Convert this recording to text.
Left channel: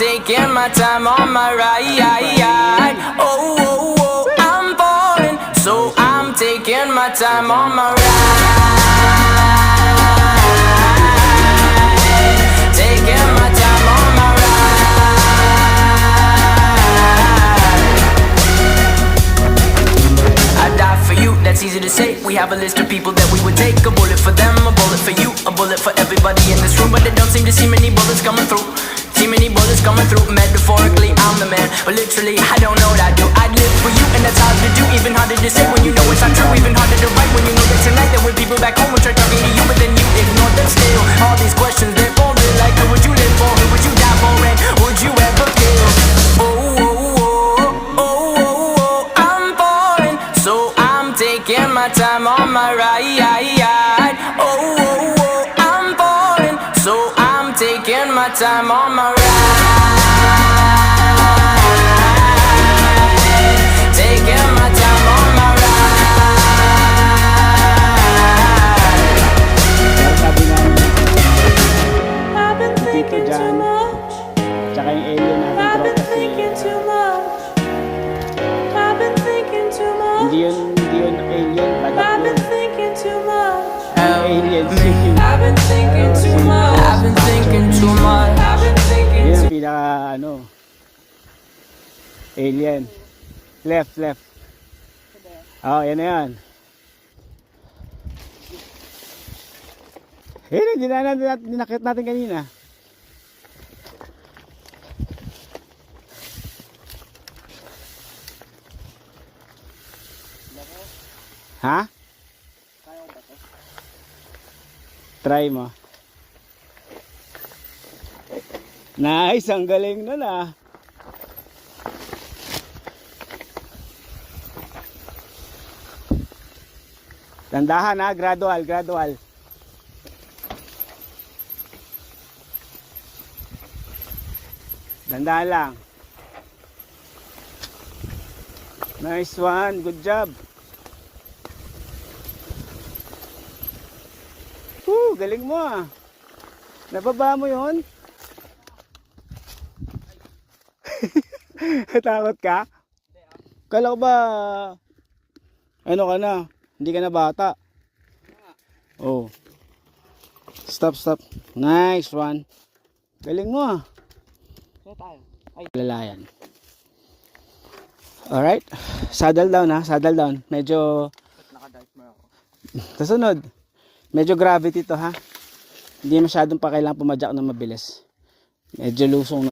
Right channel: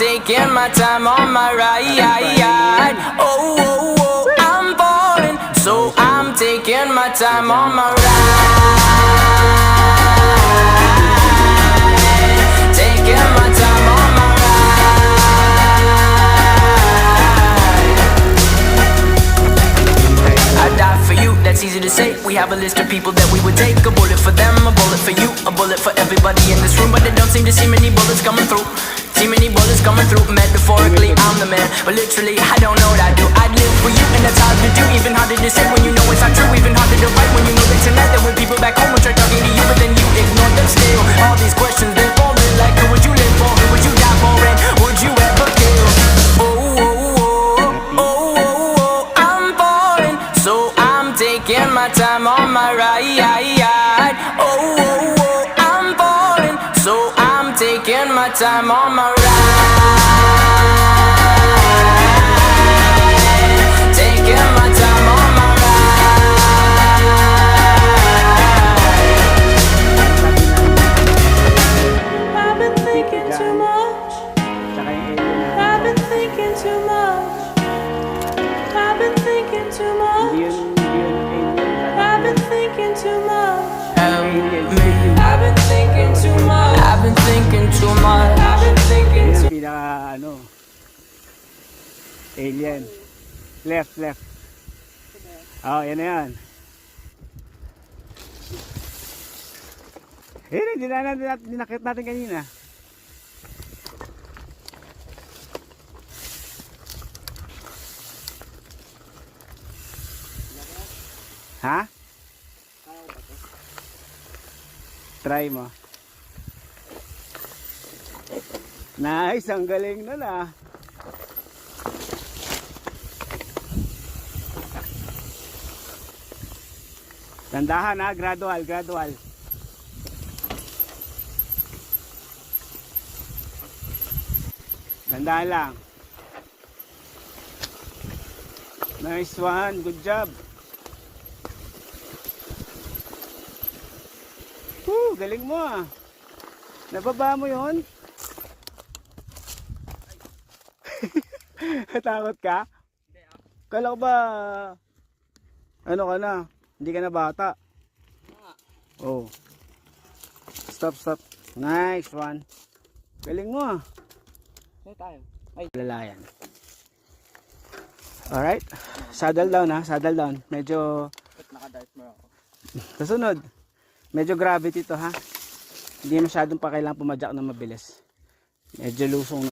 taking my time on my ride. Oh, oh, oh, I'm falling, so I'm taking my time on my ride. Taking my time on my ride. I die for you, that's easy to say. We have a list of people that we would take. A bullet for them, a bullet for you, a bullet for everybody in this room. But they don't seem to see many bullets coming through. See many bullets coming through. Metaphorically, I'm the man, but literally, I don't know what I do. I'd live for you, and that's hard to do. Even harder to say when you know it's not true. Even harder to write when you know that tonight there were people back home who tried talking to you, but then you ignored them still. All these questions, they're falling like, who would you live for? Who would you die for? And would you ever kill? Oh, oh, oh, oh, oh, oh, I'm falling, so I'm taking my time on my ride. Oh, oh, oh, I'm falling, so I'm taking my time on my ride. Taking my time on my ride. I've been thinking too much. Tsaka yung alien na. I've been thinking too much. I've been thinking too much. Hindi yun alien. I've been thinking too much. Alien. I've been thinking too much. I've been thinking too much. I've been thinking Yan too ang pinaka ano. Alien. Left. Oh, yan na yan. Hindi nakita natin kanina. Ha? Try mo. Nice, ang galing nun ah. Tandahan ha, gradual. Tandahan lang. Nice one, good job. Galing mo ah. Nababa mo yun? Takot ka? Kala ko ba ano ka na? Hindi ka na bata. Oh. Stop. Nice one. Galing mo ah. Saan tayo? Lalayan. Alright. Saddle down ha. Saddle down. Medyo Naka-dartmer ako. kasunod. Medyo gravity to ha. Hindi masyadong pa kailangan pumadyak na mabilis. Medyo lusong na.